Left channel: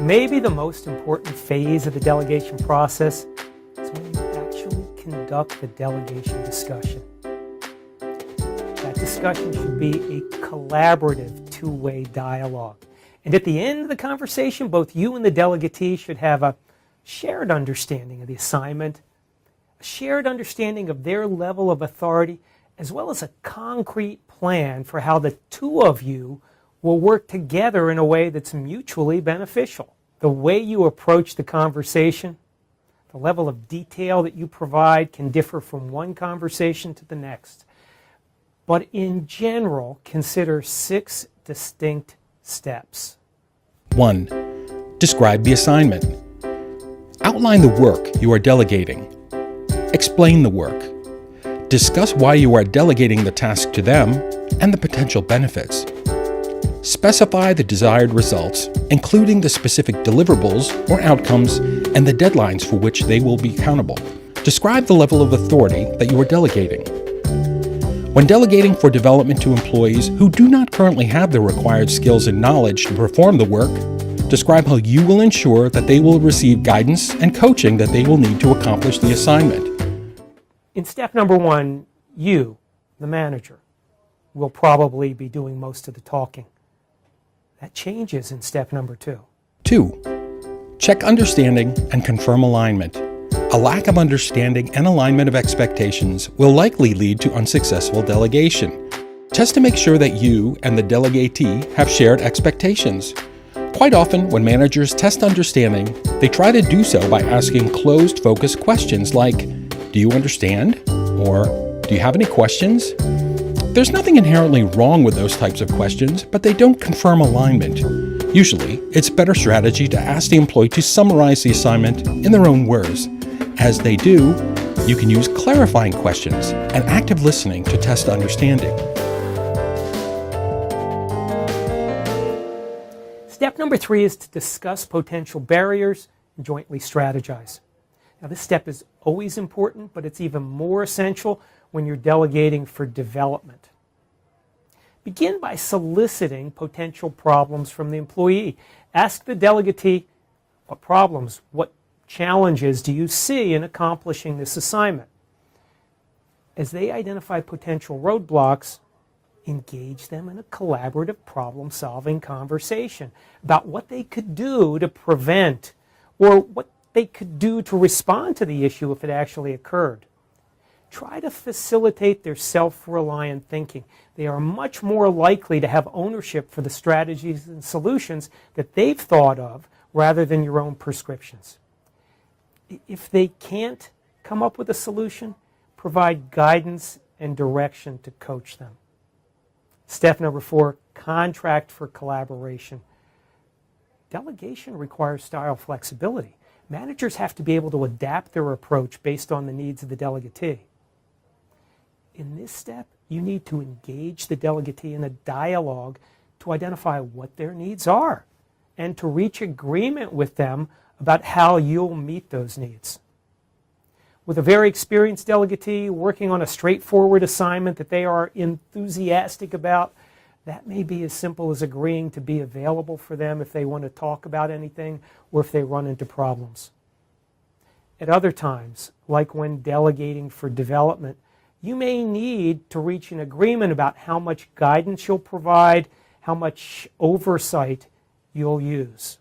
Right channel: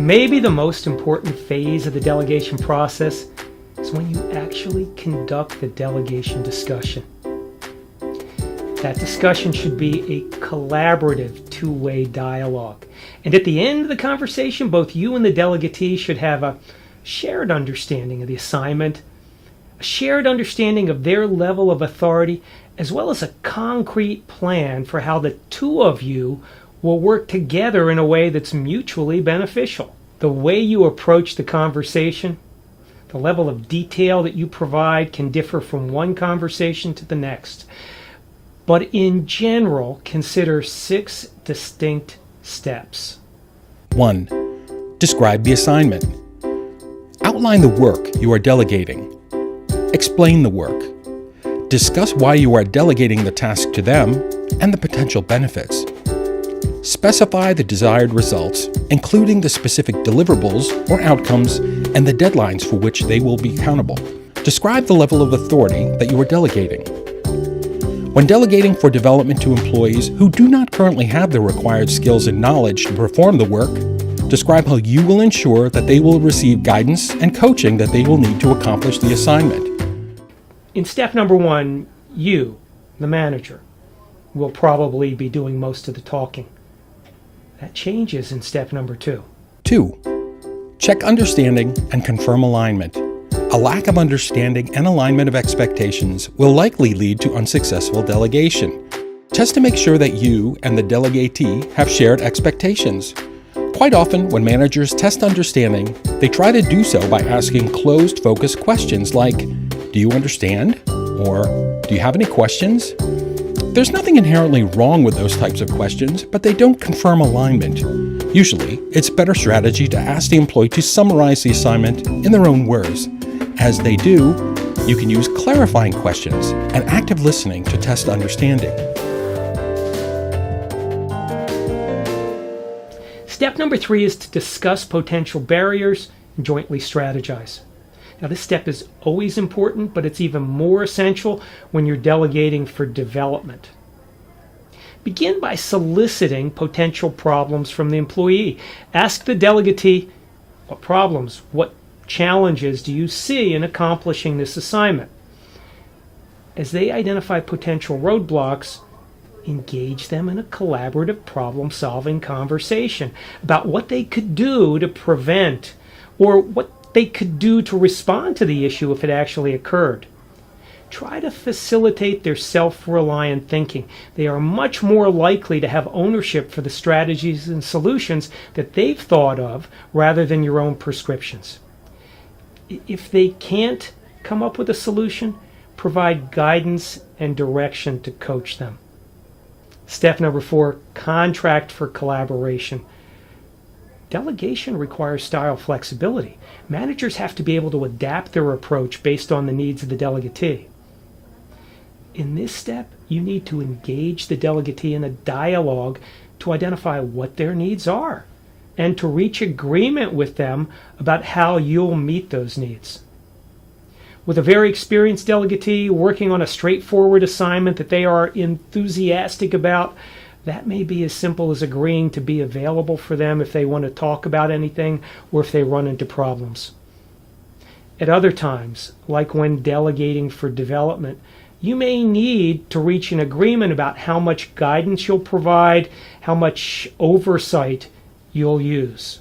Maybe the most important phase of the delegation process is when you actually conduct the delegation discussion. That discussion should be a collaborative, two-way dialogue. And at the end of the conversation, both you and the delegatee should have a shared understanding of the assignment, a shared understanding of their level of authority, as well as a concrete plan for how the two of you will work together in a way that's mutually beneficial. The way you approach the conversation, the level of detail that you provide can differ from one conversation to the next. But in general, consider 6 distinct steps. 1. Describe the assignment. Outline the work you are delegating. Explain the work. Discuss why you are delegating the task to them and the potential benefits. Specify the desired results, including the specific deliverables or outcomes and the deadlines for which they will be accountable. Describe the level of authority that you are delegating. When delegating for development to employees who do not currently have the required skills and knowledge to perform the work, describe how you will ensure that they will receive guidance and coaching that they will need to accomplish the assignment. In step number 1, you, the manager, will probably be doing most of the talking. That changes in step number 2. 2. Check understanding and confirm alignment. A lack of understanding and alignment of expectations will likely lead to unsuccessful delegation. Test to make sure that you and the delegatee have shared expectations. Quite often, when managers test understanding, they try to do so by asking closed, focused questions like, "Do you understand?" or "Do you have any questions?" There's nothing inherently wrong with those types of questions, but they don't confirm alignment. Usually, it's a better strategy to ask the employee to summarize the assignment in their own words. As they do, you can use clarifying questions and active listening to test understanding. Step number 3 is to discuss potential barriers and jointly strategize. Now, this step is always important, but it's even more essential when you're delegating for development. Begin by soliciting potential problems from the employee. Ask the delegatee, what problems, what challenges do you see in accomplishing this assignment? As they identify potential roadblocks, engage them in a collaborative problem-solving conversation about what they could do to prevent or what they could do to respond to the issue if it actually occurred. Try to facilitate their self-reliant thinking. They are much more likely to have ownership for the strategies and solutions that they've thought of rather than your own prescriptions. If they can't come up with a solution, provide guidance and direction to coach them. Step number 4, contract for collaboration. Delegation requires style flexibility. Managers have to be able to adapt their approach based on the needs of the delegatee. In this step, you need to engage the delegatee in a dialogue to identify what their needs are and to reach agreement with them about how you'll meet those needs. With a very experienced delegatee working on a straightforward assignment that they are enthusiastic about, that may be as simple as agreeing to be available for them if they want to talk about anything or if they run into problems. At other times, like when delegating for development, you may need to reach an agreement about how much guidance you'll provide, how much oversight you'll use.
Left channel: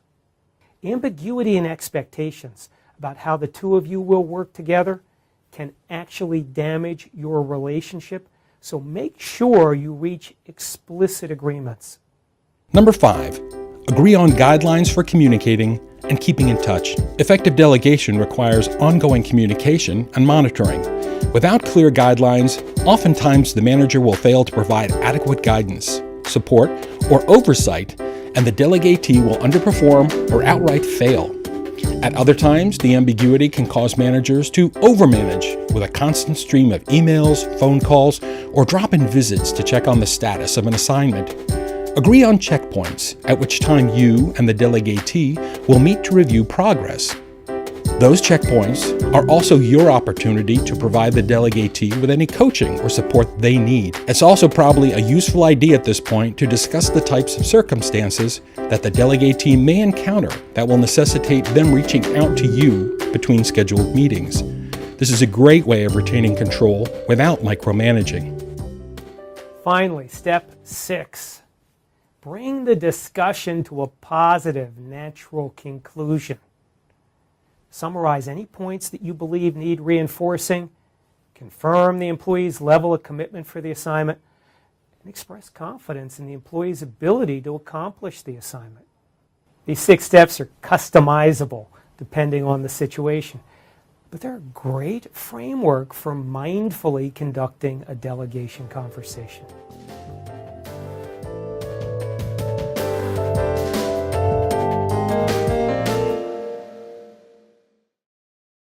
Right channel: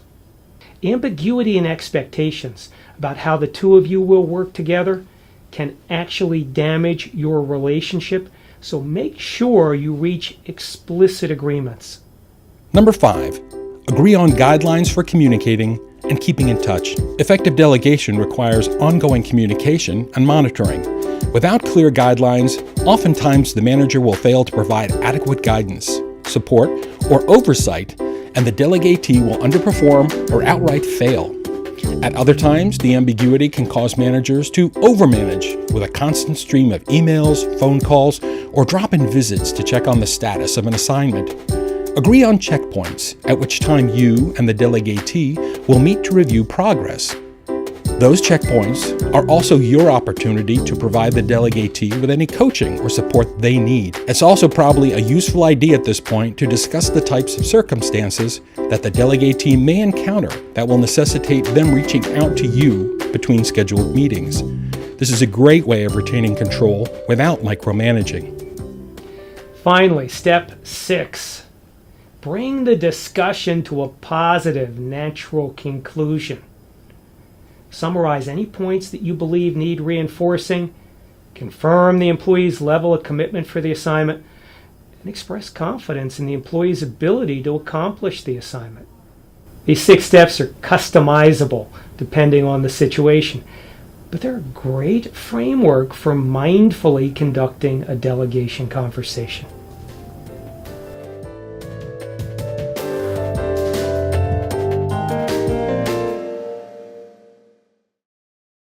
Ambiguity in expectations about how the two of you will work together can actually damage your relationship, so make sure you reach explicit agreements. Number 5, agree on guidelines for communicating and keeping in touch. Effective delegation requires ongoing communication and monitoring. Without clear guidelines, oftentimes the manager will fail to provide adequate guidance, support, or oversight, and the delegatee will underperform or outright fail. At other times, the ambiguity can cause managers to overmanage with a constant stream of emails, phone calls, or drop-in visits to check on the status of an assignment. Agree on checkpoints, at which time you and the delegatee will meet to review progress. Those checkpoints are also your opportunity to provide the delegatee with any coaching or support they need. It's also probably a useful idea at this point to discuss the types of circumstances that the delegatee may encounter that will necessitate them reaching out to you between scheduled meetings. This is a great way of retaining control without micromanaging. Finally, step 6. Bring the discussion to a positive, natural conclusion. Summarize any points that you believe need reinforcing, confirm the employee's level of commitment for the assignment, and express confidence in the employee's ability to accomplish the assignment. These 6 steps are customizable depending on the situation, but they're a great framework for mindfully conducting a delegation conversation.